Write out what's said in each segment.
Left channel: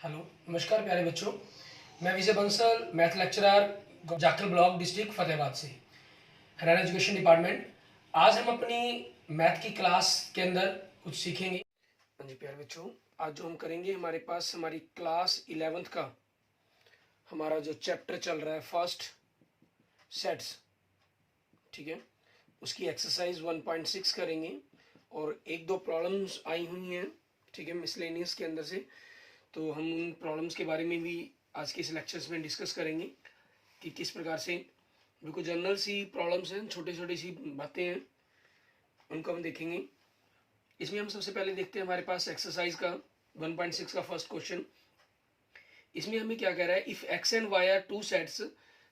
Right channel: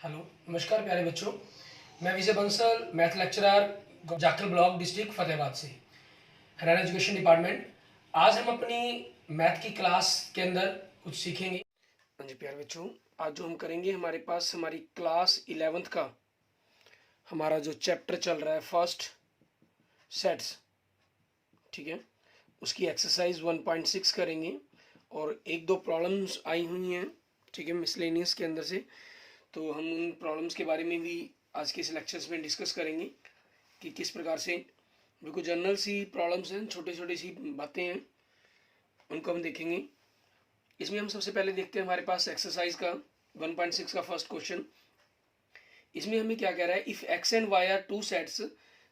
Hello, नमस्कार प्यारे बच्चों। मैं Vijay Bansal, math lecturer, Jakhal block, district Fatehabad से, हरियाणा एजुकेशन डिपार्टमेंट। आज हम अपनी मैथ की क्लास के अंदर कुछ सीखेंगे। हाँ जी प्यारे बच्चों, आज जो हम करेंगे, हमारे पास हमारी क्लास 11th का हमारा जो चैप्टर चल रहा है फर्स्ट सेट्स, ठीक है, उसकी एक्सरसाइज 1.6 करेंगे और एक दो प्रॉब्लम्स आई हुई हैं, ठीक है, मिसलेनियस के अंदर से। तो हम उन प्रॉब्लम्स के बारे में भी आज के इस लेक्चर्स में डिस्कस करेंगे कि किस प्रकार से, बिल्कुल जनरल सी प्रॉब्लम्स हैं, छोटी छोटी सी बातें हैं, उनको हम देखेंगे। इसमें हम सबसे पहले देखते हैं हमारे पास एक्सरसाइज का 1.6 का फर्स्ट क्वेश्चन। इसमें हमें क्या कह रहा है, if X and Y are two sets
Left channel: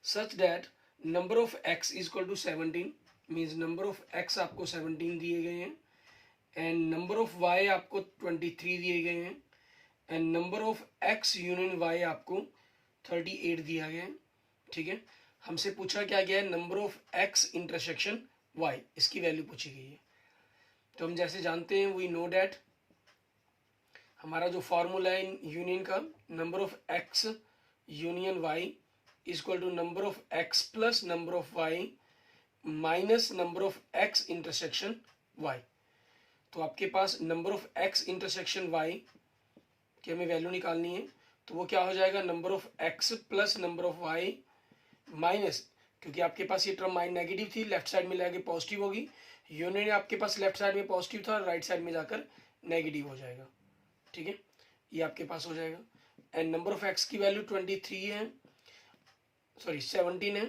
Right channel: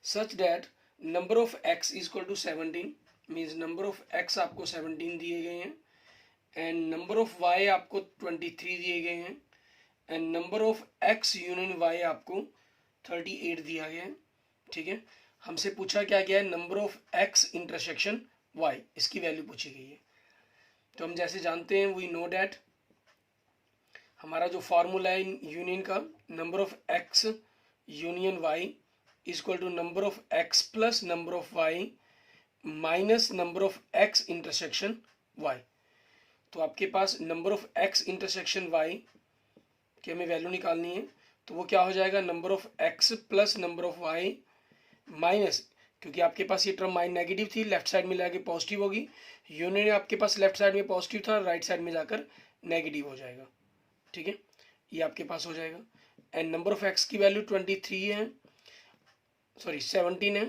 such that number of X is equal to 17, means number of X आपको 17 दिए गए हैं एंड नंबर ऑफ वाई आपको 23 दिए गए हैं and number of X union Y आपको 38 दिया गया है, ठीक है। हमसे पूछा क्या गया है, number of X intersection Y, इसकी वैल्यू पूछी गई है। तो हम जैसे जानते हैं, वी नो डैट हमारा जो फॉर्मूला है यूनियन का, number of X union Y is equal to number of X plus number of Y minus number of X intersection Y. तो आपके पास number of X intersection Y की हमें value निकालनी है, तो वो क्या हो जाएगा, number of X plus number of Y minus, क्योंकि आपके पास ये टर्म नेगेटिव थी, लेफ्ट साइड में जाके पॉजिटिव होगी, यूनियन आपके पास लेफ्ट साइड में पॉजिटिव था, राइट साइड में जाकर नेगेटिव हो जाएगा, ठीक है, ये आपके पास हो जाएगा। एंड नंबर ऑफ एक्स की वैल्यू 23 है, सॉरी 17 है,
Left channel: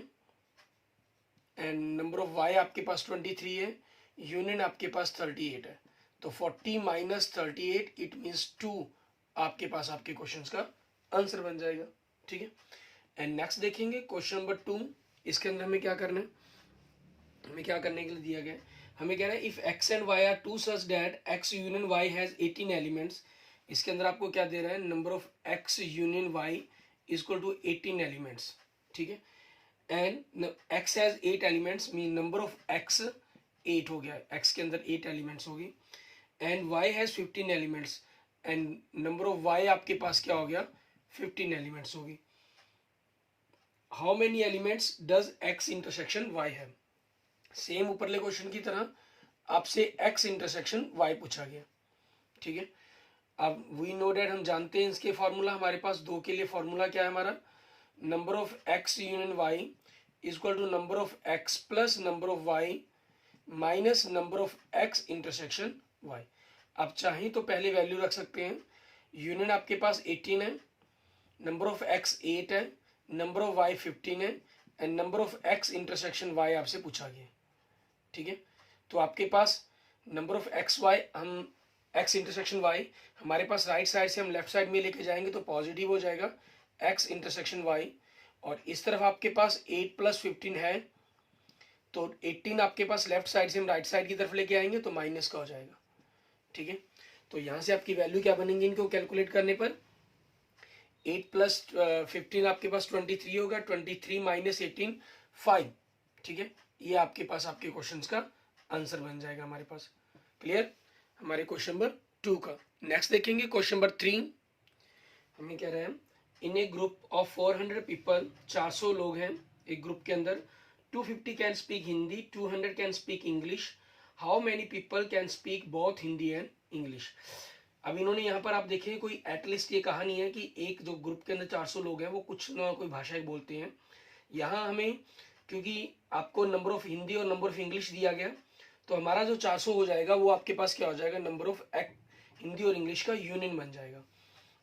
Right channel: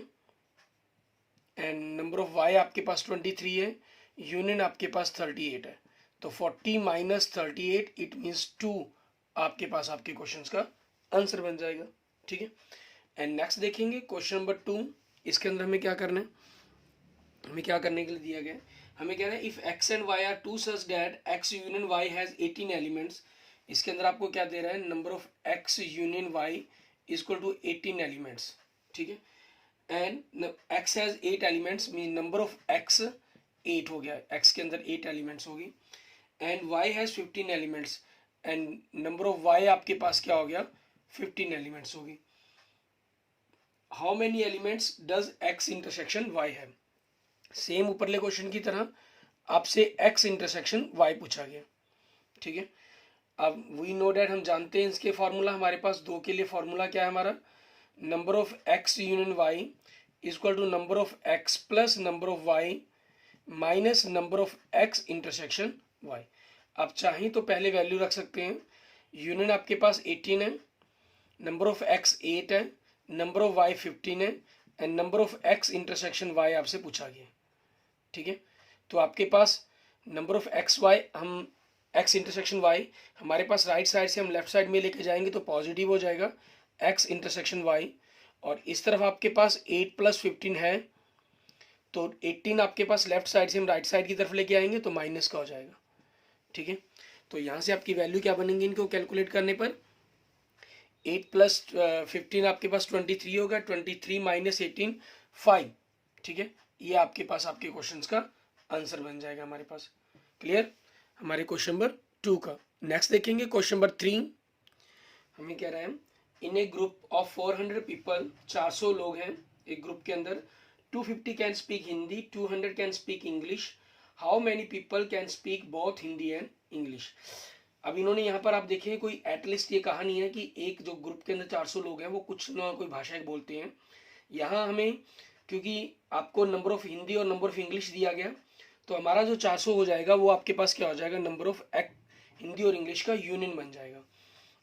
एंड नंबर ऑफ वाई आपके पास 23 है, यूनियन आपके पास 38 है। तो 40 माइनस 38 इट मीन्स 2 आपके पास आपके क्वेश्चंस का आंसर बन जाएगा, ठीक है। एंड नेक्स्ट देखेंगे क्वेश्चन नंबर 2। इसके अंदर हमें क्या करना है, हमें क्या करने के लिए दिया गया है, हमें कह रहा है if X and Y are two such that X union Y has 18 elements. इसके अंदर आपको क्या दे रहा है, number of X union Y is equal to 18 elements, ठीक है। And X has 8 elements, mean number of X 8 हो गया, एक्स के अंदर 8 एलिमेंट्स होगी and Y has 15 elements and number of Y आपके पास क्या हो गया, 15 एलिमेंट्स होगी। How many elements does X intersection Y have. Same ऊपरले क्वेश्चन की तरह आपसे एक्स इंटरसेक्शन वाई पूछा गया, ठीक है। अब वी नो डैट हम जानते हैं इसके फार्मूला, हमारे पास दो के लिए फार्मूला क्या है हमारा, number of X union Y is equal to number of X plus number of Y minus number of X intersection Y. आप चाहें तो पहले वैल्यू रख सकते हैं, यूनियन आपके पास 18 है, नंबर ऑफ एक्स 8 है, नंबर ऑफ वाई 15 है and number of X intersection Y आपसे पूछा गया, ठीक है। तो आपके पास नंबर ऑफ एक्स वाई, हम एक्स इंटरसेक्शन वाई हमारे पास राइट साइड से हम लेफ्ट साइड में लेके जाएंगे तो पॉजिटिव हो जाएगा एक्स इंटरसेक्शन वाई, और इस तरफ आपके पास 8 प्लस 15 है, तो 18 आपके पास लेफ्ट साइड से हम राइट साइड की तरफ लेके आएंगे तो माइनस का हो जाएगा, ठीक है। तो यहाँ से आपकी वैल्यू क्या बनेंगी, इनको कैलकुलेट करने पर 8 प्लस 15 आपके पास 23 होगा, 23 माइनस 18 5, ठीक है। ये आपके पास आपके क्वेश्चंस का आंसर बन जाएगा हमारे पास। क्लियर हमारे क्वेश्चन नंबर 2 का। नेक्स्ट देखेंगे क्वेश्चन नंबर 3। हमें कह रहे हैं in a group of 400 people, 400 लोग हैं एक ग्रुप के अंदर, 250 can speak Hindi, 200 can speak English, how many people can speak both Hindi and English. अब इन्होंने यहाँ पर आप देखें, कोई एटलीस्ट ये कहानी है कि एक जो ग्रुप के अंदर 400 लोग हैं वो कुछ ना कोई भाषाएं बोलते हैं। यहाँ हमें क्योंकि आपको नंबर ऑफ हिंदी और नंबर ऑफ इंग्लिश दिया गया, तो हमारा जो 400 हो जाएगा वो आपके पास क्या हो जाएगा, नंबर ऑफ हिंदी और इंग्लिश का यूनियन बन जाएगा।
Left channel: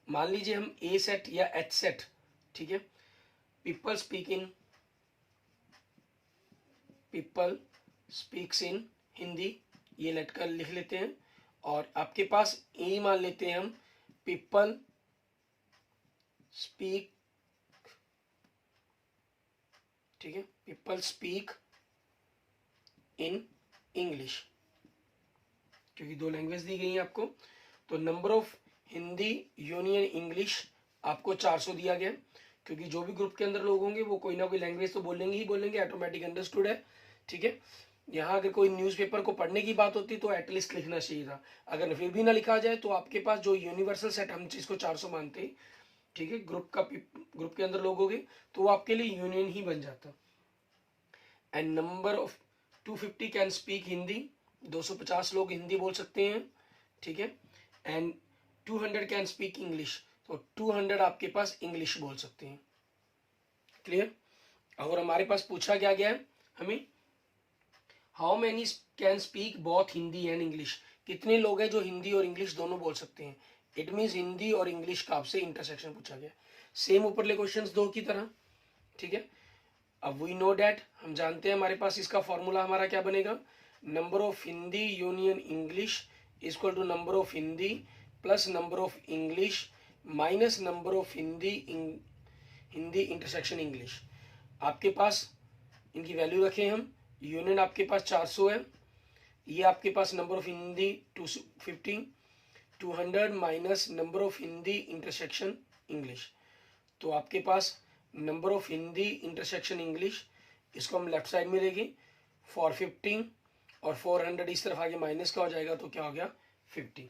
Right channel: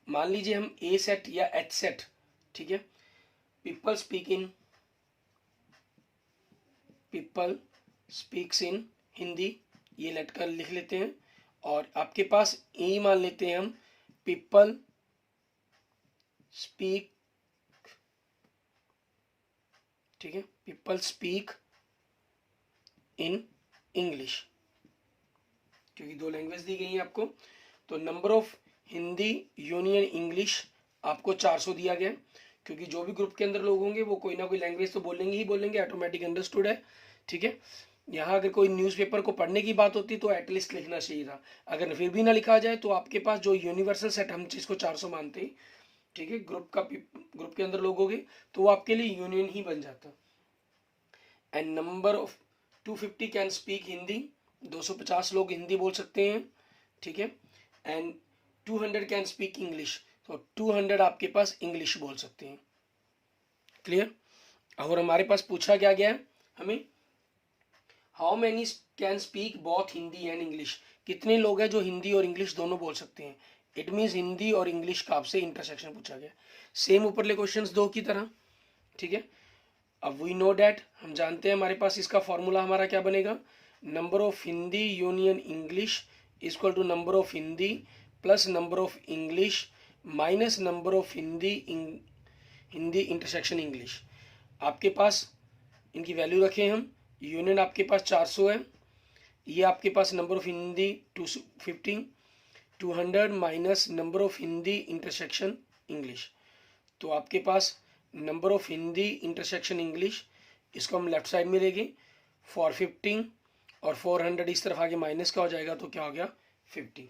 मान लीजिए हम ए सेट या एच सेट, ठीक है, पीपल स्पीक्स इन हिंदी, ये लेटकर लिख लेते हैं, और आपके पास ए मान लेते हैं हम, पीपल स्पीक, ठीक है, पीपल स्पीक इन इंग्लिश, क्योंकि दो लैंग्वेज दी गई है आपको। तो number of Hindi union English आपको 400 दिया गया, क्योंकि जो भी ग्रुप के अंदर लोग होंगे वो कोई ना कोई लैंग्वेज तो बोलेंगे ही बोलेंगे, ऑटोमेटिक अंडरस्टूड है, ठीक है। यहाँ अगर कोई न्यूज़पेपर को पढ़ने की बात होती तो एटलीस्ट लिखना चाहिए था, अगर फिर भी ना लिखा जाए तो आपके पास जो यूनिवर्सल सेट हम जिसको 400 मानते हैं ठीक है, ग्रुप के अंदर लोग हो गए तो वो आपके लिए यूनियन ही बन जाता। And number of 250 can speak Hindi, 250 लोग हिंदी बोल सकते हैं, ठीक है। एंड 200 कैन स्पीक इंग्लिश, तो 200 आपके पास इंग्लिश बोल सकते हैं। क्लियर। और हमारे पास पूछा क्या गया है हमें, how many can speak both Hindi and English, कितने लोग हैं जो हिंदी और इंग्लिश दोनों बोल सकते हैं। इट मीन्स हिंदी और इंग्लिश का आपसे इंटरसेक्शन पूछा गया, सेम ऊपरले क्वेश्चंस दो की तरह, ठीक है। अब वी नो डैट, हम जानते हैं हमारे पास इसका फॉर्मूला हमारा क्या बनेगा, number of Hindi union English equal to number of Hindi plus number of English minus number of Hindi intersection English. आपके पास इनकी वैल्यू रखें हम, यूनियन आपके पास 400 है, ये आपके पास number of Hindi 250, 200 minus number of Hindi intersection English, तो आपके पास number of Hindi intersection English, इसको हम लेफ्ट साइड में लेंगे 450 और 400 इस तरफ आगे माइनस का हो जाएगा तो क्या हो गया 50,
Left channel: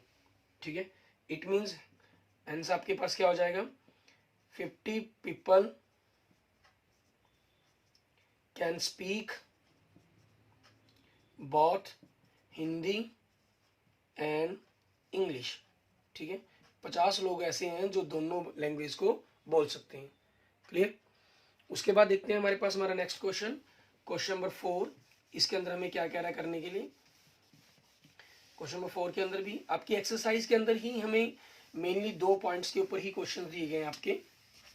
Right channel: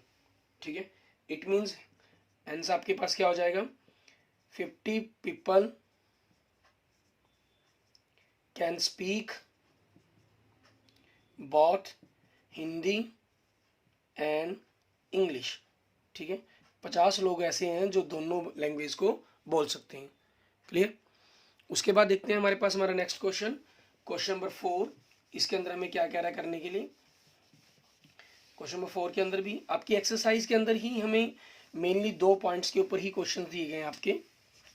ठीक है। इट मीन्स आंसर आपके पास क्या हो जाएगा, 50 people can speak both Hindi and English, ठीक है। 50 लोग ऐसे हैं जो दोनों लैंग्वेज को बोल सकते हैं। क्लियर। उसके बाद देखते हैं हमारे पास हमारा नेक्स्ट क्वेश्चन, क्वेश्चन नंबर 4। इसके अंदर हमें क्या कह रहा है करने के लिए, क्वेश्चन नंबर 4 के अंदर भी आपकी एक्सरसाइज के अंदर ही हमें मेनली 2 पॉइंट्स के ऊपर ही क्वेश्चन दिए गए हैं आपके,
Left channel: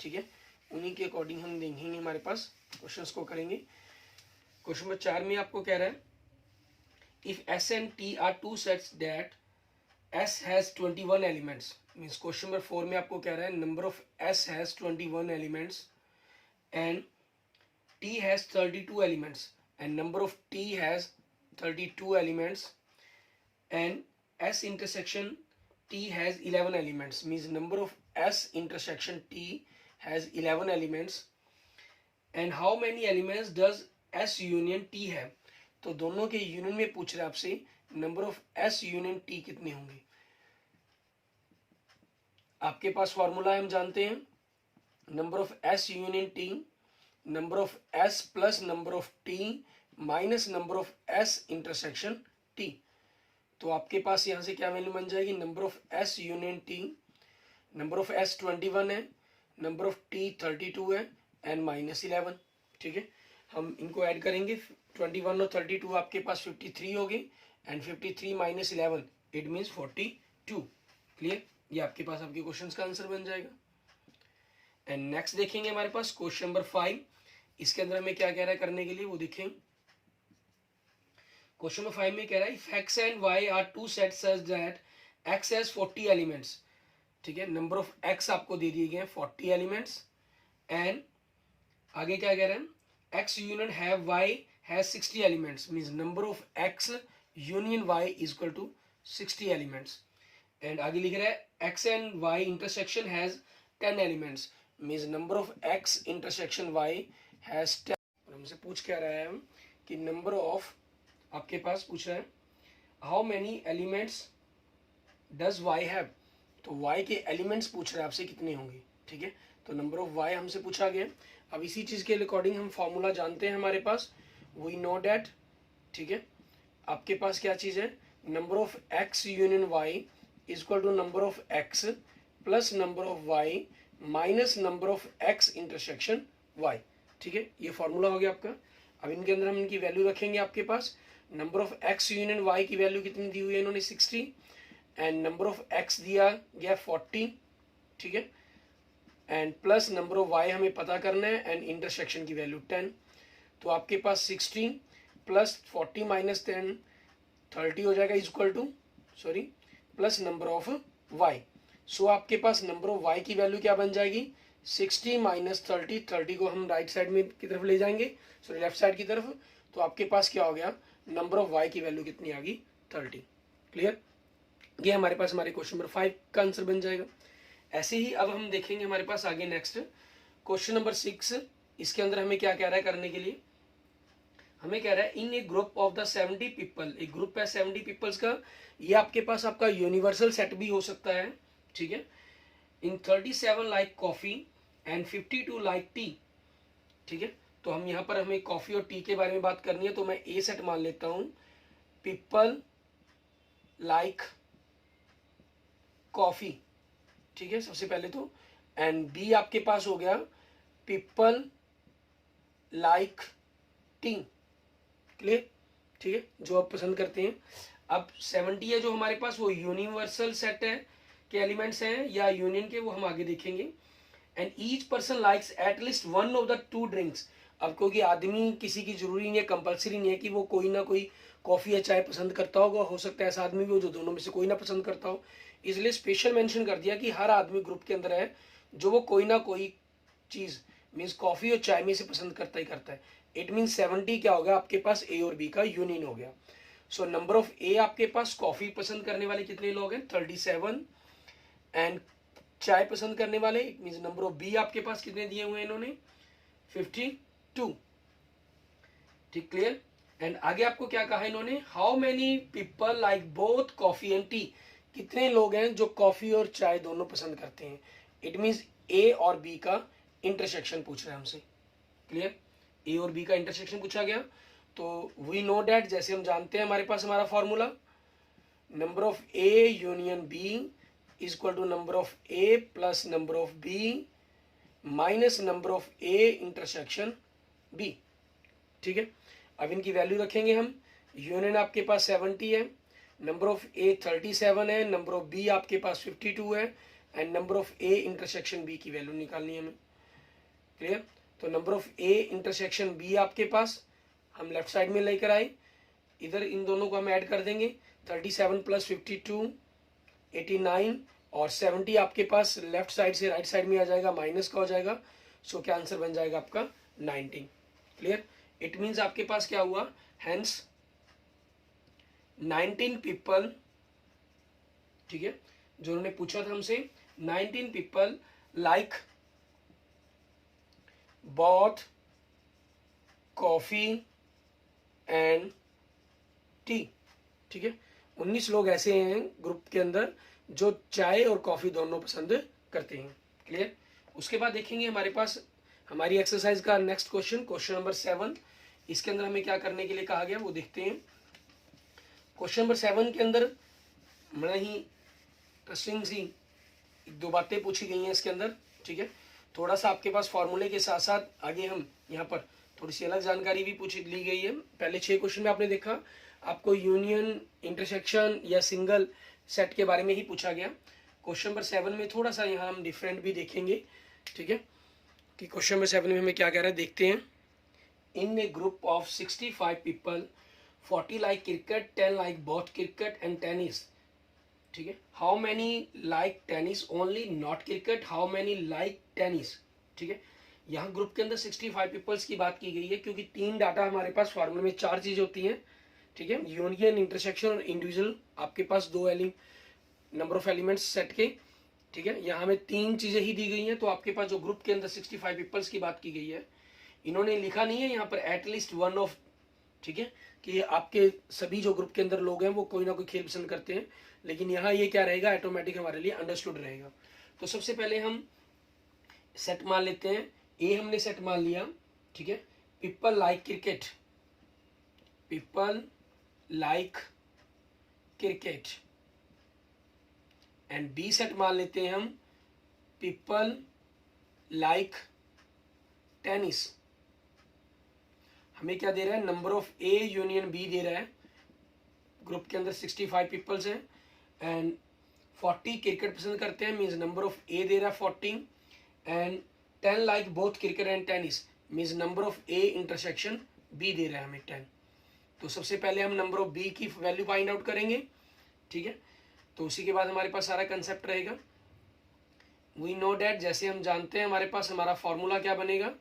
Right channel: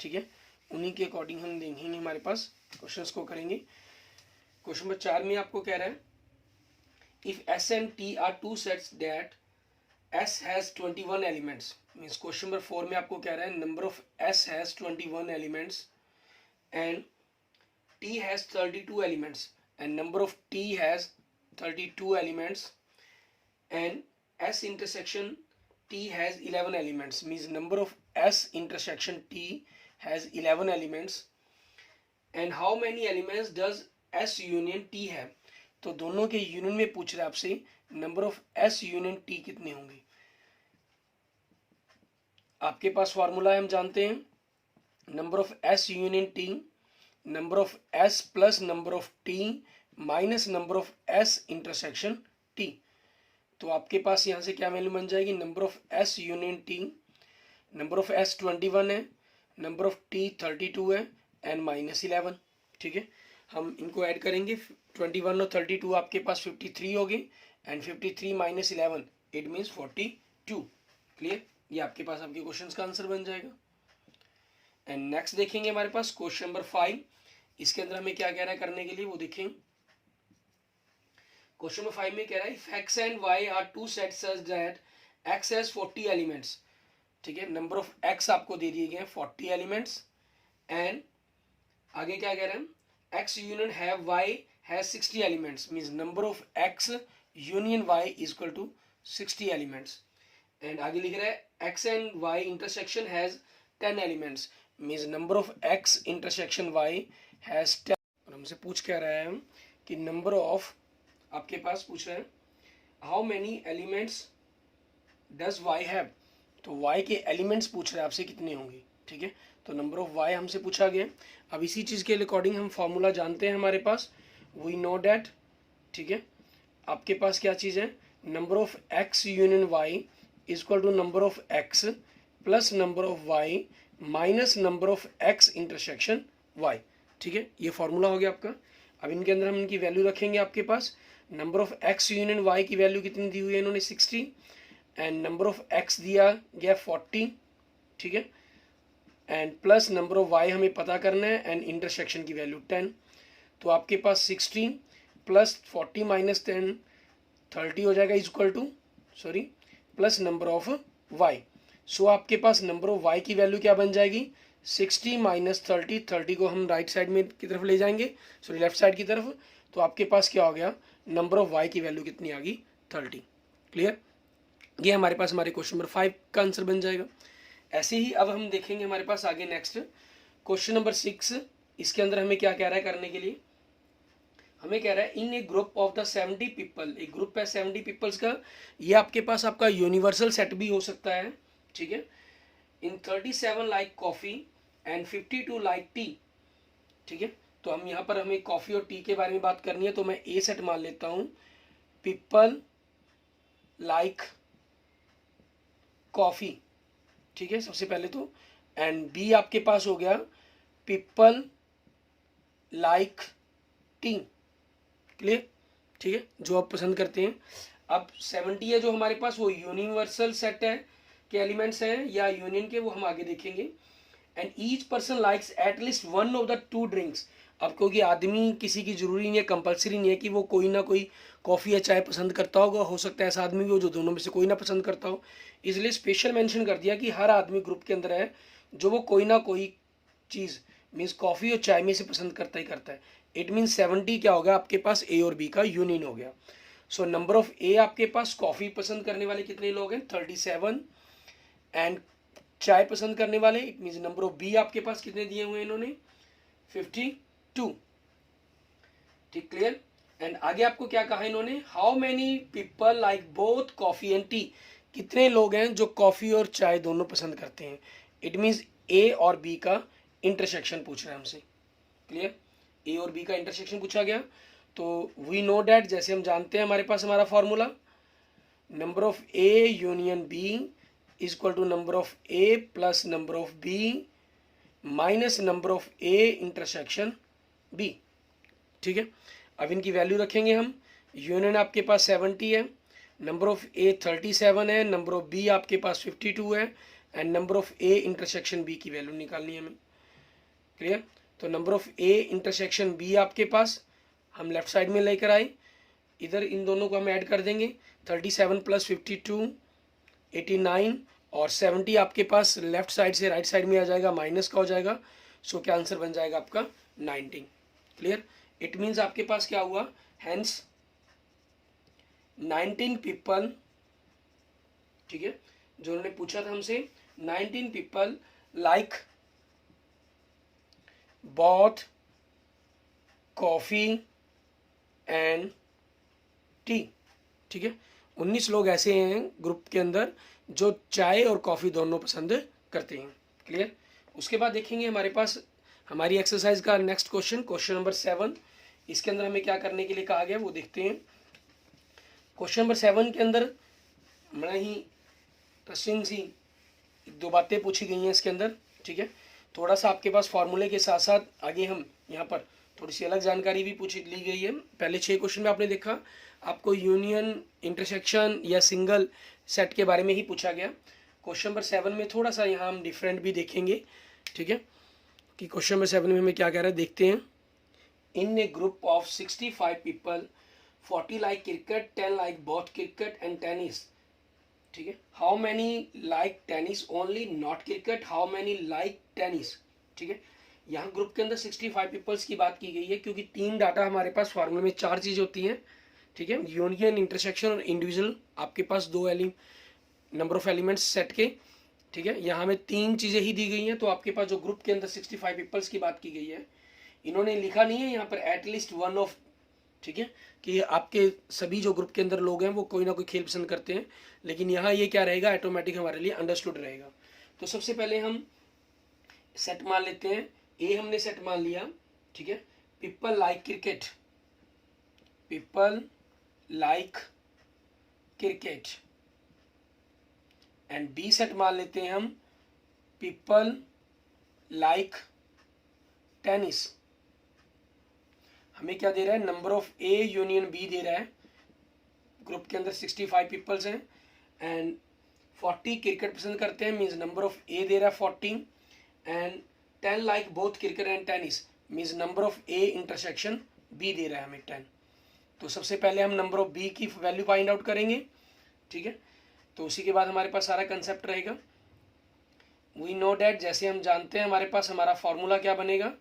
ठीक है। उन्हीं के अकॉर्डिंग हम देखेंगे, हमारे पास क्वेश्चंस को करेंगे। क्वेश्चन नंबर 4 में आपको कह रहा है if S and T are two sets that S has 21 elements, means question number 4 में आपको कह रहा है number of S has 21 elements and T has 32 elements and number of T has 32 elements and S intersection T has 11 elements, means number of S intersection T has 11 elements and how many elements does S union T have, तो दोनों के union में पूछ रहे आपसे number of S union T कितने होंगे। आपके पास फॉर्मूला है, हम जानते हैं number of S union T number of S plus number of T minus number of S intersection T, तो आपके पास यहां से क्या वैल्यू बन जाएगी, number of S union T, number of S 21 है, नंबर ऑफ T 32 है एंड माइनस 11, ठीक है। हम इनको ऐड करेंगे, 21 और 32 आपके पास 53 होगी and 53 minus 11 it means 42। Clear. ये आपके पास आपके क्वेश्चंस का आंसर बन जाएगा। एंड नेक्स्ट देखेंगे हमारे पास क्वेश्चन नंबर 5। इसके अंदर हमें क्या कह रहा है करने के लिए वो देखें। क्वेश्चन नंबर 5 में कह रहा है if x and y are two sets such that x has 40 elements, ठीक है। नंबर ऑफ x आपको दे दिए गए हैं 40 एलिमेंट्स एंड आगे क्या कह रहे हैं x union have y has 60 elements, means number of x union y is equal to 60 elements and आगे लिख रहा है x and y intersection has 10 elements, means number of x intersection y has 10। और हमसे पूछ क्या रहा है हम कि नंबर ऑफ, आपके पास पूछ रहा है how many elements does y have, तो y के एलिमेंट्स पूछ रहा है आपसे कितने होंगे, ठीक है। तो नंबर ऑफ y हमसे पूछा गया। अब इसी चीज़ के अकॉर्डिंग हम फॉर्मूला जानते हैं हमारे पास, वी नो डैट, ठीक है। आपके पास क्या चीज़ है, number of x union y is equal to number of x plus number of y minus number of x intersection y, ठीक है। ये फॉर्मूला हो गया आपका। अब इनके अंदर हम इनकी वैल्यू रखेंगे। आपके पास number of x union y की वैल्यू कितनी दी हुई है इन्होंने 60 एंड नंबर ऑफ x दिया गया 40, ठीक है। And plus number of y हमें पता करना है एंड इंटरसेक्शन की वैल्यू 10, तो आपके पास 16 प्लस 40 माइनस 10 30 हो जाएगा equal to sorry plus number of y। So आपके पास नंबर ऑफ y की वैल्यू क्या बन जाएगी 60 माइनस 30, 30 को हम राइट साइड में की तरफ ले जाएंगे, सॉरी लेफ्ट साइड की तरफ, तो आपके पास क्या हो गया नंबर ऑफ y की वैल्यू कितनी आ गई 30। क्लियर। ये हमारे पास हमारे क्वेश्चन नंबर 5 का आंसर बन जाएगा। ऐसे ही अब हम देखेंगे हमारे पास आगे नेक्स्ट क्वेश्चन नंबर 6। इसके अंदर हमें क्या कह रहा है करने के लिए, हमें कह रहा है in a group of the 70 people, एक ग्रुप है 70 पीपल्स का, ये आपके पास आपका यूनिवर्सल सेट भी हो सकता है, ठीक है। इन 37 like coffee and 52 like T. ठीक है, तो हम यहाँ पर हमें कॉफ़ी और टी के बारे में बात करनी है, तो मैं ए सेट मान लेता हूँ, पीपल लाइक कॉफ़ी। ठीक है, सबसे पहले तो, एंड बी आपके पास हो गया पीपल लाइक टी। क्लियर? ठीक है, जो आप पसंद करते हैं। अब 70 है जो हमारे पास, वो यूनिवर्सल सेट है के एलिमेंट्स हैं या यूनियन के, वो हम आगे देखेंगे। And each person likes at least one of the two drinks. अब क्योंकि आदमी किसी की जरूरी नहीं है, कंपलसरी नहीं है कि वो कोई ना कोई कॉफ़ी या चाय पसंद करता होगा, हो सकता है ऐसा आदमी भी हो जो दोनों में से कोई ना पसंद करता हो, इसलिए स्पेशल मेंशन कर दिया कि हर आदमी ग्रुप के अंदर है जो वो कोई ना कोई चीज़ मीन्स कॉफ़ी और चाय में से पसंद करता ही करता है। इट मीन्स 70 क्या होगा आपके पास, ए और बी का यूनियन हो गया। सो नंबर ऑफ ए आपके पास कॉफ़ी पसंद करने वाले कितने लोग हैं, 37, एंड चाय पसंद करने वाले it means number of B आपके पास कितने दिए हुए हैं इन्होंने, 52। ठीक, क्लियर? एंड आगे आपको क्या कहा इन्होंने, how many people like both coffee and T. कितने लोग हैं जो कॉफी और चाय दोनों पसंद करते हैं। इट मीन्स ए और बी का इंटरसेक्शन पूछ रहे हैं हमसे। क्लियर? ए और बी का इंटरसेक्शन पूछा गया। तो वी नो डैट, जैसे हम जानते हैं हमारे पास हमारा formula, number of A union B is equal to number of A plus number of B minus number of A intersection B. ठीक है, अब इनकी वैल्यू रखेंगे हम। यूनियन आपके पास 70 है, नंबर ऑफ ए 37 है, नंबर ऑफ बी आपके पास 52 है, and number of A intersection B की वैल्यू निकालनी है हमें। क्लियर? तो number of A intersection B आपके पास हम लेफ्ट साइड में लेकर आए, इधर इन दोनों को हम ऐड कर देंगे, 37 प्लस 52 89, और 70 आपके पास लेफ्ट साइड से राइट साइड में आ जाएगा, माइनस का हो जाएगा। सो क्या आंसर बन जाएगा आपका 90। क्लियर? इट मीन्स आपके पास क्या हुआ, हैंस 19 पीपल, ठीक है, जो उन्होंने पूछा था हमसे, 19 people like both coffee and T. ठीक है, 19 लोग ऐसे हैं ग्रुप के अंदर जो चाय और कॉफी दोनों पसंद करते हैं। क्लियर? उसके बाद देखेंगे हमारे पास हमारी एक्सरसाइज का नेक्स्ट क्वेश्चन, क्वेश्चन नंबर 7। इसके अंदर हमें क्या करने के लिए कहा गया वो देखते हैं। क्वेश्चन नंबर 7 के अंदर बड़ा ही इंटरेस्टिंग सी एक दो बातें पूछी गई हैं इसके अंदर। ठीक है, थोड़ा सा आपके पास फॉर्मूले के साथ साथ आगे हम यहाँ पर थोड़ी सी अलग जानकारी भी पूछ ली गई है। पहले 6 क्वेश्चन में आपने देखा आपको यूनियन, इंटरसेक्शन या सिंगल सेट के बारे में ही पूछा गया। क्वेश्चन नंबर 7 में थोड़ा सा यहाँ हम डिफरेंट भी देखेंगे। ठीक है, कि क्वेश्चन नंबर 7 में हमें क्या कह रहा है देखते हैं। In a group of 65 people, 40 like cricket, 10 like both cricket and tennis. ठीक है, how many like tennis only not cricket, how many like tennis. ठीक है, यहाँ ग्रुप के अंदर 65 पीपल्स की बात की गई है क्योंकि 3 डाटा हमारे पास फॉर्मूले में 4 चीज़ होती हैं। ठीक है, यूनियन, इंटरसेक्शन और इंडिविजुअल, आपके पास 2 नंबर ऑफ एलिमेंट्स सेट के। ठीक है, यहाँ में 3 चीज़ें ही दी गई हैं, तो आपके पास जो ग्रुप के अंदर 65 पीपल्स की बात की गई है, इन्होंने लिखा नहीं है यहाँ पर एटलीस्ट वन ऑफ, ठीक है, कि आपके सभी जो ग्रुप के अंदर लोग हैं वो कोई ना कोई खेल पसंद करते हैं, लेकिन यहाँ ये क्या रहेगा, ऑटोमेटिक हमारे लिए अंडरस्टूड रहेगा। तो सबसे पहले हम सेट मान लेते हैं, ए हमने सेट मान लिया। ठीक है, people like cricket, people like cricket, and B set मान लेते हैं हम, पीपल लाइक टेनिस। हमें क्या दे रहा है, number of A union B दे रहा है। ग्रुप के अंदर 65 पीपल्स हैं एंड 40 क्रिकेट पसंद करते हैं, मीन्स नंबर ऑफ ए दे रहा है 40, and 10 like both cricket and tennis, means number of A intersection B दे रहा है हमें 10। तो सबसे पहले हम नंबर ऑफ बी की वैल्यू फाइंड आउट करेंगे। ठीक है, तो उसी के बाद हमारे पास सारा कंसेप्ट रहेगा। वी नो डैट, जैसे हम जानते हैं हमारे पास हमारा फॉर्मूला क्या बनेगा,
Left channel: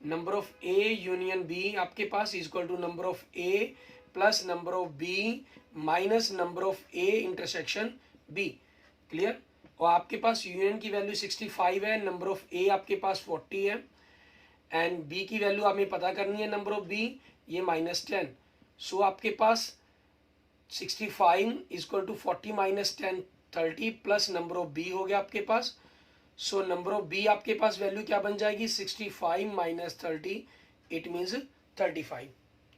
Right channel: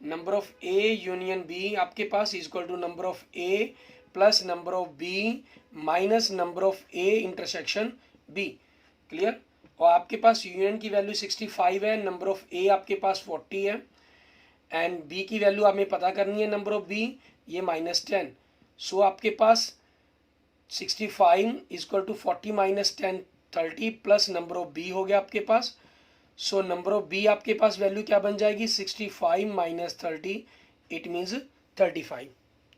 number of A union B आपके पास is equal to number of A plus number of B minus number of A intersection B. Clear? और आपके पास यूनियन की वैल्यू 65 है, नंबर ऑफ ए आपके पास 40 है, एंड बी की वैल्यू हमें पता करनी है, नंबर ऑफ बी ये -10। सो आपके पास 65 is equal to 40 minus 10 30 plus number of B हो गया आपके पास। सो नंबर ऑफ बी आपके पास वैल्यू क्या बन जाएगी 65 माइनस 30, इट मीन्स 35।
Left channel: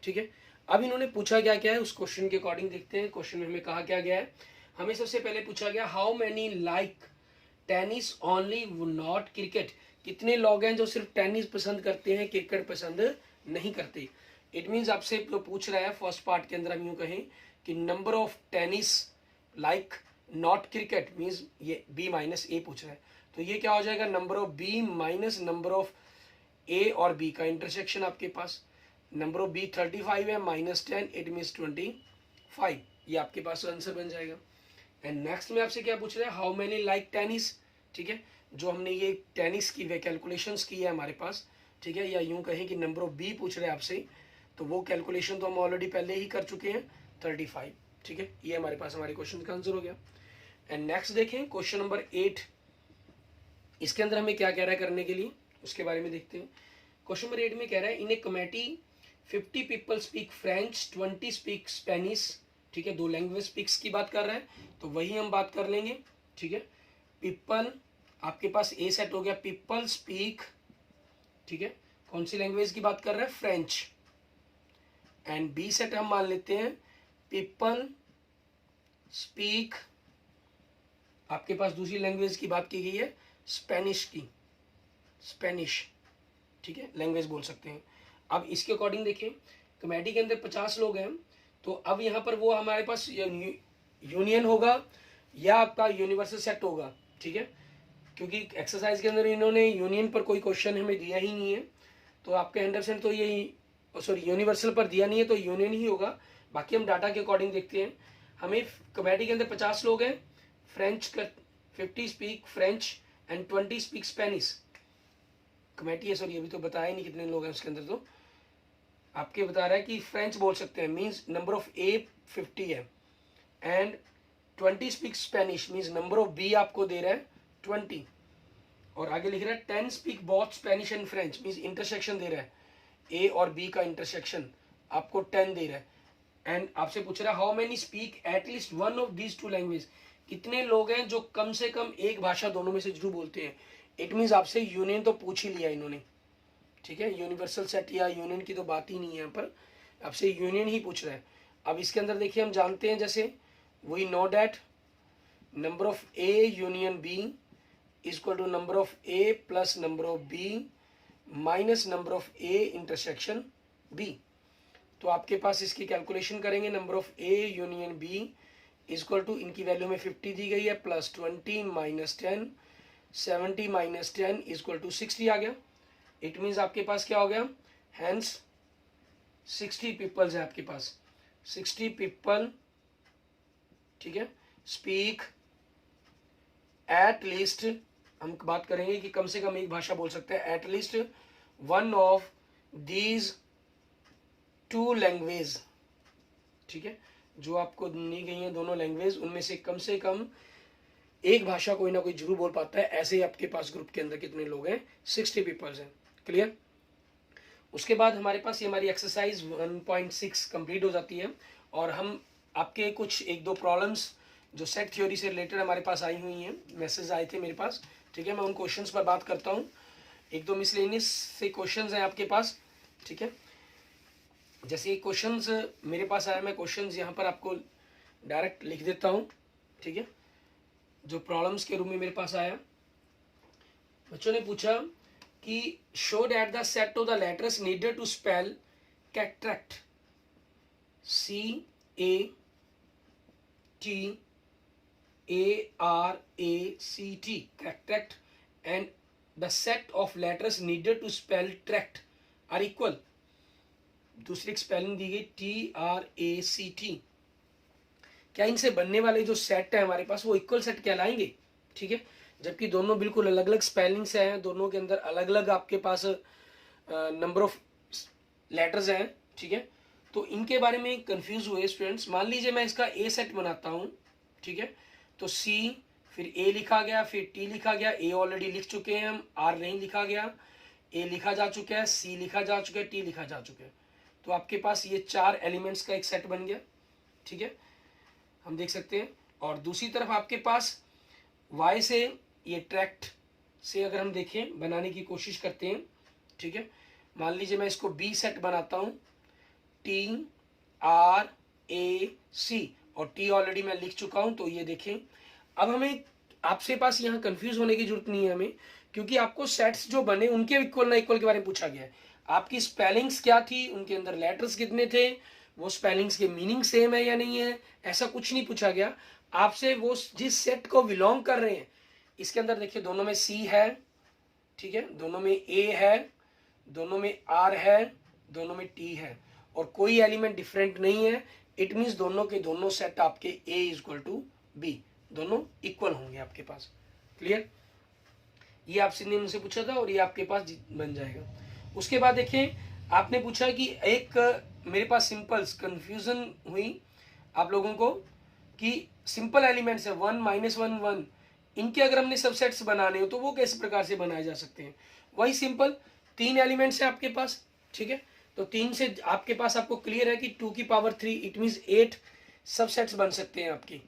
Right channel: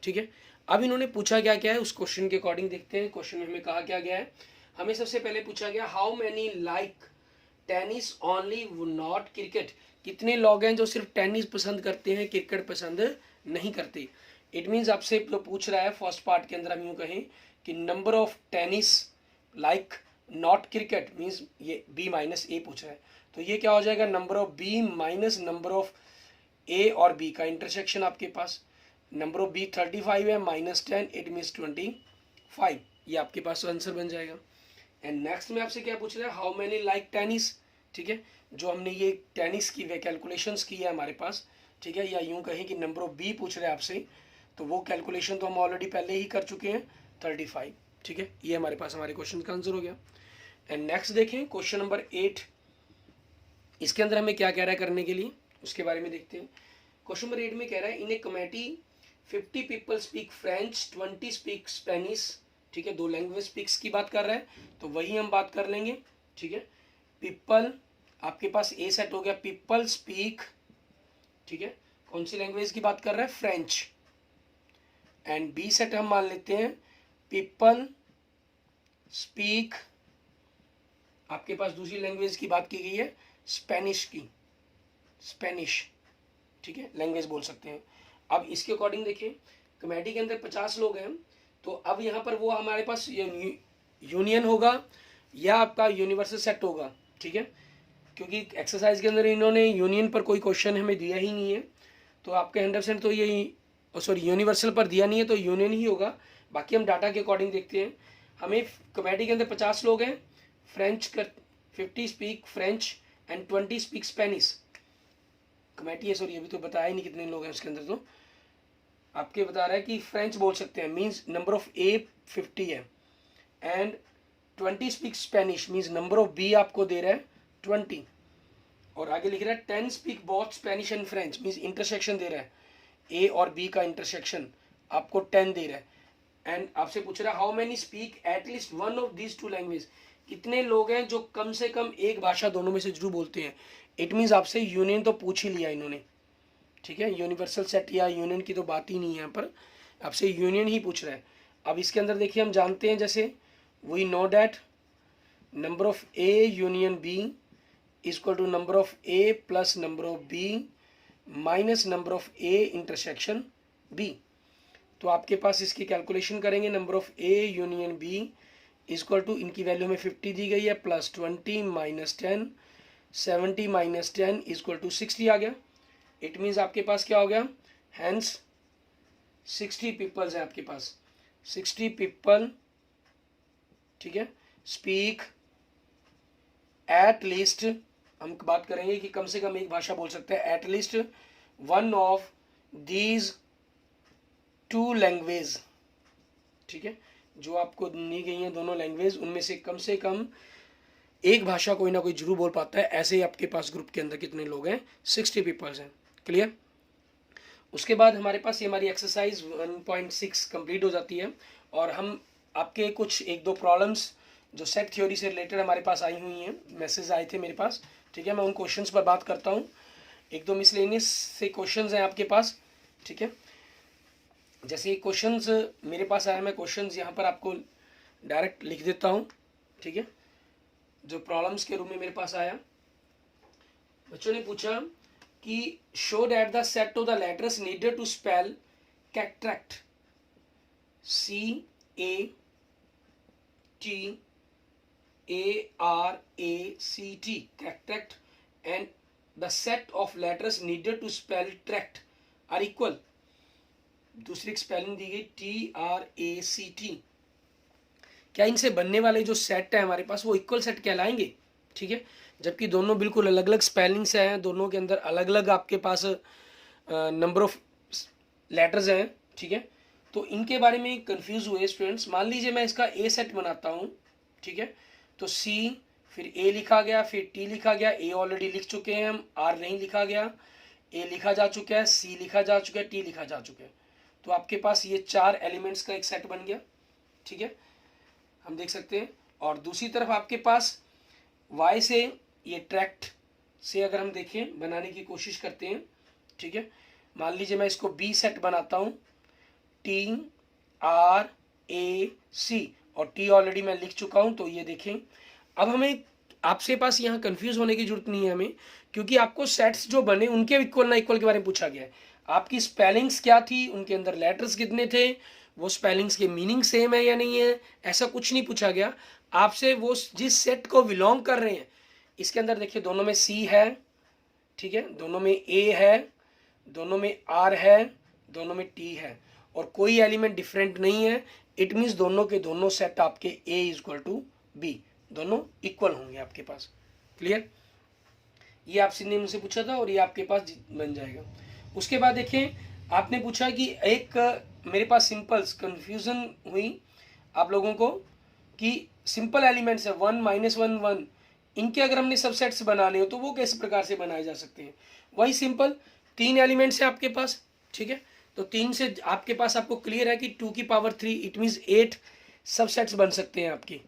ठीक है, अब इन्होंने पूछा क्या क्या है उस क्वेश्चन के अकॉर्डिंग देखते हैं। क्वेश्चन में हमें कहा क्या गया है, हमें सबसे पहले पूछा गया how many like tennis only not cricket, कितने लोग हैं जो सिर्फ टेनिस पसंद करते हैं, क्रिकेट पसंद नहीं करते। इट मीन्स आपसे पूछ रहा है फर्स्ट पार्ट के अंदर हम यूं कहें कि number of tennis like not cricket means ये बी माइनस ए पूछ रहा है, तो ये क्या हो जाएगा number of B minus number of A और बी का इंटरसेक्शन आपके पास। नंबर ऑफ बी 35 है माइनस 10, इट मीन्स 25, ये आपके पास आंसर बन जाएगा। एंड नेक्स्ट में आपसे क्या पूछ रहा है हाउ मैनी लाइक टेनिस। ठीक है, जो हमने ये टेनिस की वे कैलकुलेशंस की है हमारे पास। ठीक है, या यूं कहें कि नंबर ऑफ बी पूछ रहे हैं आपसे, तो वो कैलकुलेशन तो हम ऑलरेडी पहले ही कर चुके हैं 35। ठीक है, ये हमारे पास हमारे क्वेश्चन का आंसर हो गया। एंड नेक्स्ट देखें क्वेश्चन नंबर 8, इसके अंदर हमें क्या कह रहा है करने के लिए उसके बारे में देखते हैं। क्वेश्चन नंबर 8 में कह रहा है in a committee 50 people speak French, 20 speak Spanish. ठीक है, 2 लैंग्वेज स्पीक्स की बात कर रहा है, तो वही हम बात कर लेंगे। ठीक है, पीपल आपके पास ए सेट हो गया, पीपल स्पीक। ठीक है, कौन सी लैंग्वेज की बात कर रहा है, फ्रेंच। एंड बी सेट हम मान लेते हैं पीपल स्पीक, आपके पास दूसरी लैंग्वेज की बात की गई है स्पेनिश की, स्पेनिश। ठीक है, लैंग्वेज बोल सकते हैं। अब इसके अकॉर्डिंग देखें कमेटी के अंदर 50 लोग हैं, तो अब यहाँ पर वो हमारे पास यूनियन होगा या आपका यूनिवर्सल सेट होगा। ठीक है, क्योंकि एक्सरसाइज के अंदर इन्होंने यूनियन पर कोई क्वेश्चन हमें दिया ही नहीं है, तो आपके 100% तो ये सॉरी यूनिवर्सल पर दिया नहीं है, तो यूनियन ही होगा। बाकी हम डाटा के अकॉर्डिंग देखते हैं। हमें कमेटी के अंदर 50 लोग हैं, फ्रेंच कर 50 speak French and 20 speak Spanish. Committee है सॉरी, अभी तो बताया ही नहीं कितने लोग हैं उसके अंदर, तो आपके बता रहा है कि फ्रेंच बोल सकते हैं, मीन्स नंबर ऑफ ए 50 है, and 20 speak Spanish means number of B आपको दे रहा है 20, और आगे लिख रहा है 10 speak both Spanish and French means intersection दे रहा है, ए और बी का इंटरसेक्शन आपको 10 दे रहा है। एंड आपसे पूछ रहा है how many speak at least one of these 2 language, कितने लोग हैं जो कम से कम एक भाषा दोनों में से जरूर बोलते हैं। इट मीन्स आपसे यूनियन तो पूछ ही लिया इन्होंने। ठीक है, यूनिवर्सल सेट या यूनियन की तो बात ही नहीं है यहाँ पर, आपसे यूनियन ही पूछ रहा है। अब इसके अंदर देखिए हम जानते हैं, जैसे we know that number of A union B is equal to number of A plus number of B minus number of A intersection B. तो आपके पास इसकी कैलकुलेशन करेंगे, number of A union B is equal to, इनकी value में 50 दी गई है, plus 20 minus 10, 70 minus 10 is equal to 60 आ गया। इट मीन्स आपके पास क्या हो गया, हैंस 60 पीपल्स हैं आपके पास, 60 पीपल। ठीक है, स्पीक एट लीस्ट, हम बात करेंगे कि कम से कम एक भाषा बोल सकते हैं, at least one of these 2 language. ठीक है, जो आपको दी गई हैं दोनों लैंग्वेज, उनमें से कम एक भाषा कोई ना कोई जरूर बोल पाता है। ऐसे ही आपके पास ग्रुप के अंदर कितने लोग हैं, 60 पीपल्स हैं। क्लियर। उसके बाद हमारे पास ये हमारी एक्सरसाइज 1.6 कंप्लीट हो जाती है, और हम आपके कुछ 1-2 प्रॉब्लम्स जो सेट थ्योरी से रिलेटेड हमारे पास आई हुई हैं, मैसेज आए थे मेरे पास। ठीक है, मैं उन क्वेश्चंस पर बात करता हूँ। 1-2 मिसलेनियस से क्वेश्चंस हैं आपके पास। ठीक है, जैसे क्वेश्चंस मेरे पास आया, मैं क्वेश्चंस यहाँ पर आपको डायरेक्ट लिख देता हूँ। ठीक है, जो प्रॉब्लम्स के रूप में मेरे पास आया, बच्चों ने पूछा कि show that the set of the letters needed to spell cataract CATARACT cataract and the set of letters needed to spell tract are equal. दूसरी स्पेलिंग दी गई TRACT। क्या इनसे बनने वाले जो सेट है हमारे पास वो इक्वल सेट कहलाएंगे। ठीक है, जबकि दोनों बिल्कुल अलग अलग स्पेलिंग्स हैं, दोनों के अंदर अलग अलग आपके पास नंबर ऑफ लेटर्स हैं। ठीक है, तो इनके बारे में कंफ्यूज हुए स्टूडेंट्स। मान लीजिए मैं इसका ए सेट बनाता हूँ। ठीक है, तो सी फिर ए लिखा गया, फिर टी लिखा गया, ए ऑलरेडी लिख चुके हैं हम, आर नहीं लिखा गया, ए लिखा जा चुका है, सी लिखा जा चुका है, टी लिखा जा चुका है। तो आपके पास ये 4 एलिमेंट्स का एक सेट बन गया। ठीक है, हम देख सकते हैं। और दूसरी तरफ आपके पास वाई से ये ट्रैक्ट से अगर हम देखें बनाने की कोशिश करते हैं, ठीक है, मान लीजिए मैं इसको बी सेट बनाता हूँ, टी आर ए सी, और टी ऑलरेडी मैं लिख चुका हूँ। तो ये देखें, अब हमें आपसे पास यहाँ कंफ्यूज होने की जरूरत नहीं है हमें, क्योंकि आपको सेट्स जो बने उनके इक्वल ना इक्वल के बारे में पूछा गया है। आपकी स्पेलिंग्स क्या थी, उनके अंदर लेटर्स कितने थे, वो स्पेलिंग्स के मीनिंग सेम है या नहीं है, ऐसा कुछ नहीं पूछा गया आपसे। वो जिस सेट को बिलोंग कर रहे हैं, इसके अंदर देखिए दोनों में सी है, ठीक है, दोनों में ए है, दोनों में आर है, दोनों में टी है, और कोई एलिमेंट डिफरेंट नहीं है। इट मीन्स दोनों के दोनों सेट आपके ए इक्वल टू बी, दोनों इक्वल होंगे आपके पास। क्लियर? ये आपसे ने मुझसे पूछा था और ये आपके पास बन जाएगा। उसके बाद देखिए आपने पूछा कि एक मेरे पास सिंपल्स कंफ्यूजन हुई आप लोगों को कि सिंपल एलिमेंट्स है 1 -1 1, इनके अगर हमने सबसेट्स बनाने हो तो वो किस प्रकार से बनाए जा सकते हैं। वही सिंपल 3 एलिमेंट्स है आपके पास, ठीक है, तो 3 से आपके पास आपको क्लियर है कि 2 की पावर 3 इट मीन्स 8 सबसेट्स बन सकते हैं आपके,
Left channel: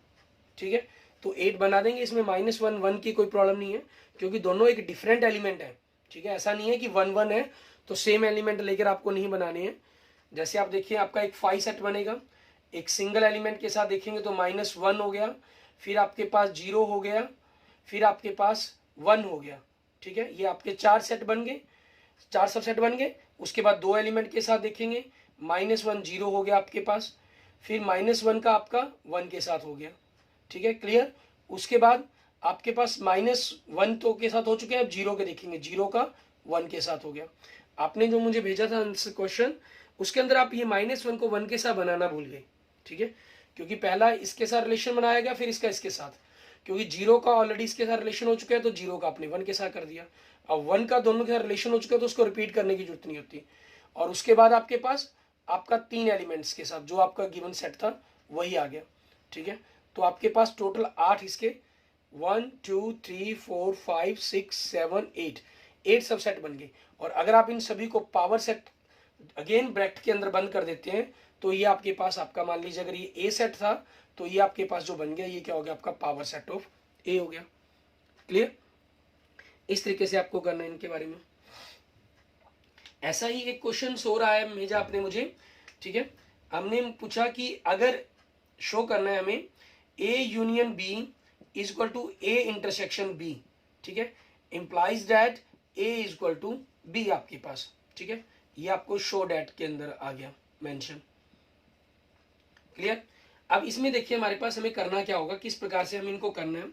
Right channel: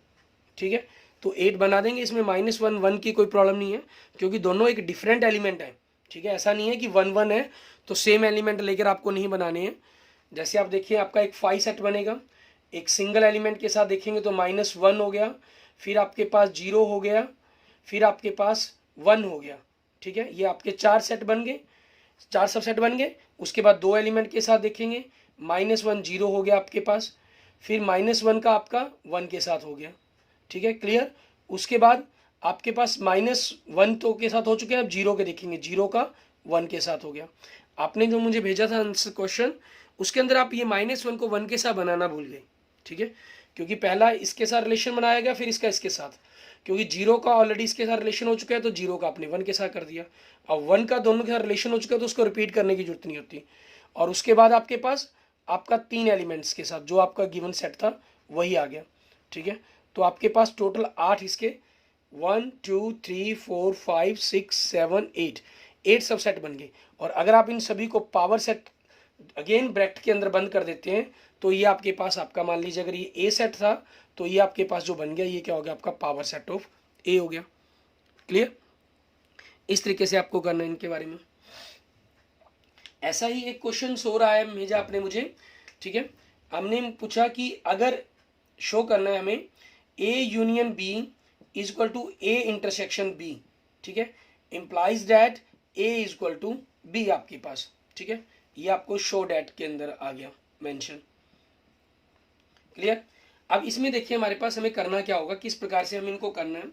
ठीक है। तो 8 बना देंगे, इसमें -1 1 की कोई प्रॉब्लम नहीं है, क्योंकि दोनों एक डिफरेंट एलिमेंट है, ठीक है। ऐसा नहीं है कि 1 1 है तो सेम एलिमेंट लेकर आपको नहीं बनाने हैं। जैसे आप देखिए आपका एक 5 सेट बनेगा, एक सिंगल एलिमेंट के साथ देखेंगे तो -1 हो गया, फिर आपके पास 0 हो गया, फिर आपके पास 1 हो गया, ठीक है। ये आपके 4 सेट बन गए, 4 सबसेट बन गए। उसके बाद 2 एलिमेंट के साथ देखेंगे, -1 0 हो गया आपके पास, फिर -1 का आपका 1 के साथ हो गया, ठीक है, क्लियर। उसके बाद आपके पास -1 तो के साथ हो चुके हैं, अब 0 के देखेंगे, 0 का 1 के साथ हो गया। आपने जो मुझे भेजा था आंसर क्वेश्चन, उसके अंदर आप ये -1 को 1 के साथ बनाना भूल गए, ठीक है, क्योंकि पहला इसके साथ रिलेशन बनाया गया, फिर इसका इसके साथ, क्योंकि 0 का ऑलरेडी इसके साथ रिलेशन हो चुका है तो 0 का आपने 1 के साथ कर दिया। अब 1 का दोनों के साथ रिलेशन हो चुका है तो उसको रिपीट करने की जरूरत नहीं होती। और उसके बाद आपके पास आपका 3 एलिमेंट्स के साथ जो आपका गिवन सेट था वही आ गया, ठीक है। तो आपके पास टोटल 8 इसके 1 2 3 4 5 6 7 8 सबसेट बन गए। और अगर आप इन सभी को पावर सेट अगेन ब्रैकेट के अंदर बंद कर देते हैं तो ये आपके पास आपका मान लीजिए अगर ये ए सेट था तो ये आपके पास जो बन गया ये क्या हो गया, आपका पावर सेट ऑफ ए हो गया। क्लियर? इस तरीके से आपको करना है इनके बारे में। ऐसा ही एक क्वेश्चन हो रहा है भेजा आपने मुझे, ठीक है। हमने पूछा कि अगर शो करना है हमें A union B is equal to A intersection B, ठीक है, implies that A is equal to B आपके पास, ठीक है। ये आपको शो डैट के अंदर आ गया मेंशन। क्लियर? अब इसमें देखिए हमारे पास हमें करना क्या होगा, किस प्रकार से हम इनको करना है,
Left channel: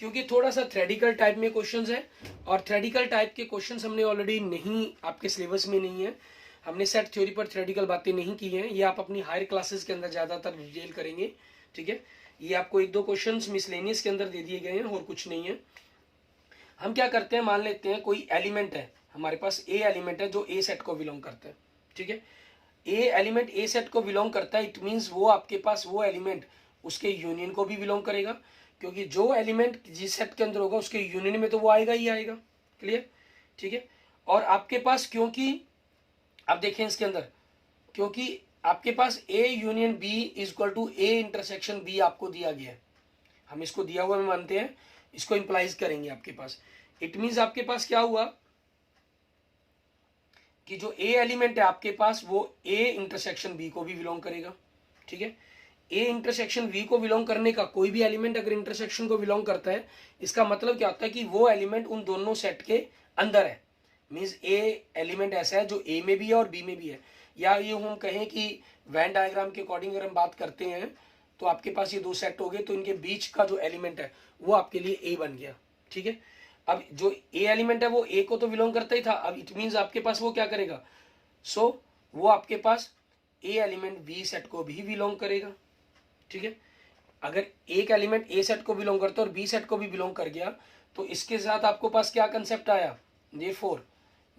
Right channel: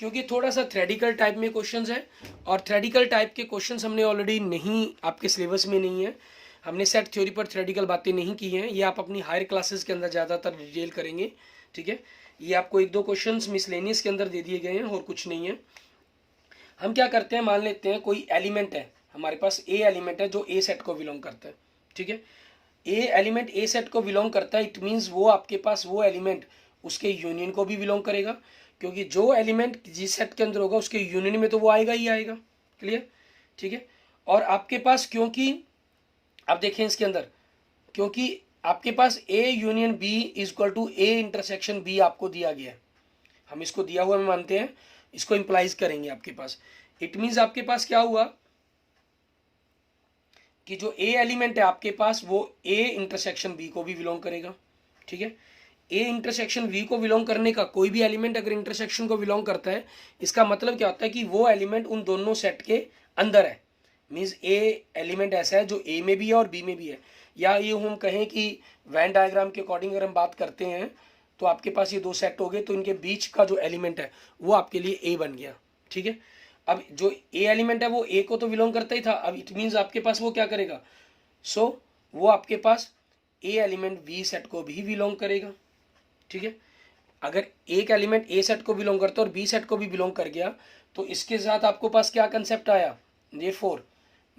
क्योंकि थोड़ा सा थ्रेडिकल टाइप में क्वेश्चंस है और थ्रेडिकल टाइप के क्वेश्चंस हमने ऑलरेडी नहीं, आपके सिलेबस में नहीं है। हमने सेट थ्योरी पर थ्रेडिकल बातें नहीं की हैं, ये आप अपनी हायर क्लासेस के अंदर ज़्यादातर डिटेल करेंगे, ठीक है। ये आपको 1-2 क्वेश्चंस मिसलेनियस के अंदर दे दिए गए हैं और कुछ नहीं है। हम क्या करते हैं, मान लेते हैं कोई एलिमेंट है हमारे पास, ए एलिमेंट है जो ए सेट को बिलोंग करता है, ठीक है। ए एलिमेंट ए सेट को बिलोंग करता है, इट मीन्स वो आपके पास वो एलिमेंट उसके यूनियन को भी बिलोंग करेगा, क्योंकि जो एलिमेंट जिस सेट के अंदर होगा उसके यूनियन में तो वो आएगा ही आएगा। क्लियर? ठीक है। और आपके पास क्योंकि आप देखें इसके अंदर, क्योंकि आपके पास A union B is equal to A intersection B आपको दिया गया है, हम इसको दिया हुआ में मानते हैं, इसको इंप्लाइज करेंगे आपके पास। इट मीन्स आपके पास क्या हुआ कि जो ए एलिमेंट है आपके पास वो ए इंटरसेक्शन बी को भी बिलोंग करेगा, ठीक है। ए इंटरसेक्शन वी को बिलोंग करने का कोई भी एलिमेंट अगर इंटरसेक्शन को बिलोंग करता है, इसका मतलब क्या होता है कि वो एलिमेंट उन दोनों सेट के अंदर है। मीन्स ए एलिमेंट ऐसा है जो ए में भी है और बी में भी है, या ये हम कहें कि वैन डायग्राम के अकॉर्डिंग अगर हम बात करते हैं तो आपके पास ये 2 सेट हो गए, तो इनके बीच का जो एलिमेंट है वो आपके लिए ए बन गया, ठीक है। अब जो ए एलिमेंट है वो ए को तो बिलोंग करता ही था, अब इट मीन्स आपके पास वो क्या करेगा, वो आपके पास ए एलिमेंट बी सेट को भी बिलोंग करेगा, ठीक है। अगर एक एलिमेंट ए सेट को बिलोंग करता है और बी सेट को भी बिलोंग कर गया तो इसके साथ आपको पास क्या कंसेप्ट आया, देयरफॉर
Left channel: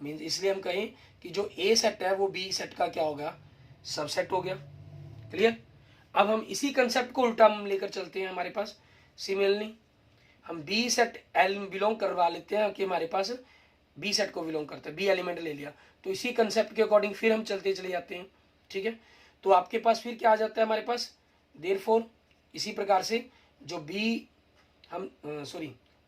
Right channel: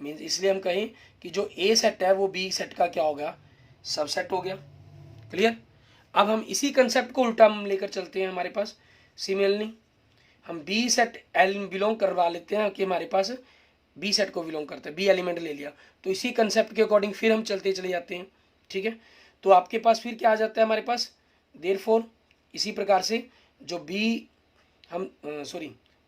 मीन्स, इसलिए हम कहें कि जो ए सेट है वो बी सेट का क्या होगा, सबसेट हो गया। क्लियर? अब हम इसी कंसेप्ट को उल्टा लेकर चलते हैं, हमारे पास सिमिलरली हम बी सेट बिलोंग करवा लेते हैं कि हमारे पास बी सेट को बिलोंग करता है, बी एलिमेंट ले लिया, तो इसी कंसेप्ट के अकॉर्डिंग फिर हम चलते चले जाते हैं, ठीक है। तो आपके पास फिर क्या आ जाता है हमारे पास, देयरफॉर इसी प्रकार से जो बी हम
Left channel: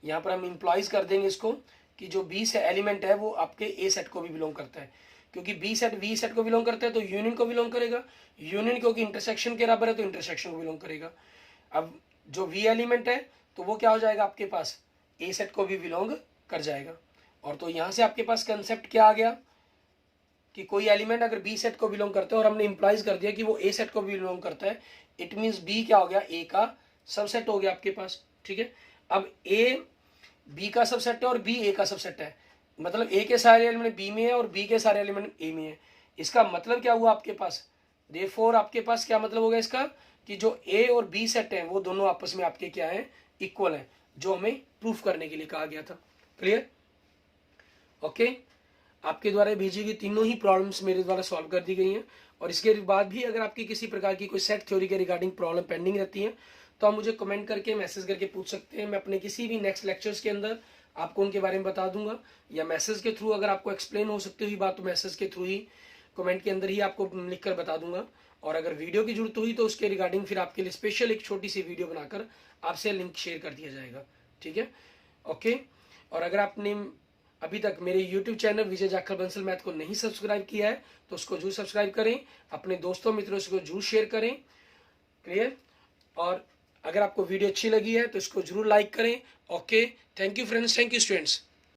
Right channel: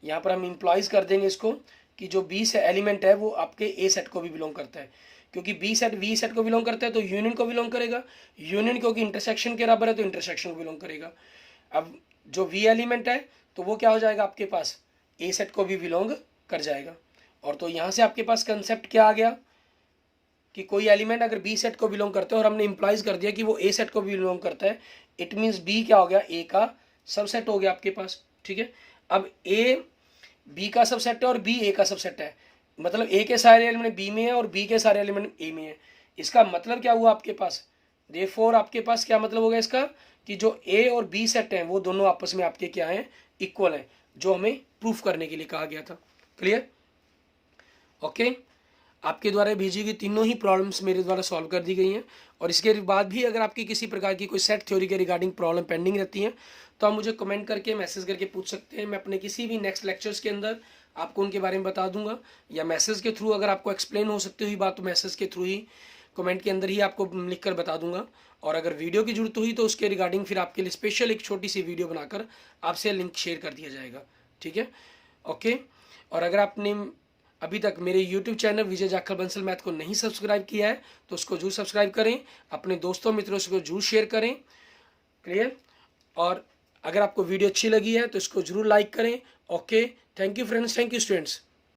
यहाँ पर हम इम्प्लॉइज कर देंगे इसको कि जो बी से एलिमेंट है वो आपके ए सेट को भी बिलोंग करता है, क्योंकि बी सेट वी सेट को बिलोंग करता है तो यूनियन को बिलोंग करेगा, यूनियन क्योंकि इंटरसेक्शन के बराबर है तो इंटरसेक्शन को बिलोंग करेगा। अब जो वी एलिमेंट है तो वो क्या हो जाएगा आपके पास, ए सेट को भी बिलोंग कर जाएगा। और तो यहाँ से आपके पास कंसेप्ट क्या आ गया कि कोई एलिमेंट अगर बी सेट को बिलोंग करते हैं और हमने इंप्लाइज कर दिया कि वो ए सेट को भी बिलोंग करता है, इट मीन्स बी क्या हो गया, ए का सबसेट हो गया आपके पास। ठीक है, अब ए बी का सबसेट है और बी ए का सबसेट है, मतलब ए के सारे एलिमेंट बी में है और बी के सारे एलिमेंट ए में है। इसका मतलब क्या हुआ आपके पास, देयरफॉर आपके पास क्या मतलब होगा इसका कि जो ए और बी सेट हैं वो दोनों आपस में आपके क्या हैं, इक्वल हैं, जो हमें प्रूफ करने के लिए कहा गया था। क्लियर? ओके, आपके द्वारा भेजी गई तीनों ही प्रॉब्लम्स मेरे द्वारा सॉल्व कर दी गई हैं। और इसके बाद भी अगर आपकी किसी प्रकार की कोई सेट थ्योरी के रिगार्डिंग प्रॉब्लम पेंडिंग रहती है तो आप मुझे कमेंट करके मैसेज करके पूछ सकते हैं। मैं अपने किसी भी नेक्स्ट लेक्चर्स के अंदर आपको उनके बारे में बता दूंगा, या मैसेज के थ्रू अगर आपको एक्सप्लेन हो सकती हुई बात तो मैसेज के थ्रू ही कमेंट के अंदर ही आपको लिख कर बता दूंगा। और अगर वीडियो की जरूरत हुई तो उसके रिगार्डिंग फिर आपके लिए स्पेशल एक छोटी सी वीडियो बनाकर आपसे लिंक शेयर कर दिया जाएगा। ठीक है, ओके। और अगर आपने अभी तक मेरे YouTube चैनल विजय जाखड़ बंसल मैथ को नहीं सब्सक्राइब किया है तो उसको जरूर सब्सक्राइब करें, अपने दोस्तों मित्रों से जरूर शेयर करें। क्लियर? और अगर आपको वीडियो अच्छी लगी है तो इसको जरूर लाइक करें। Okay, thank you friends, thank you students.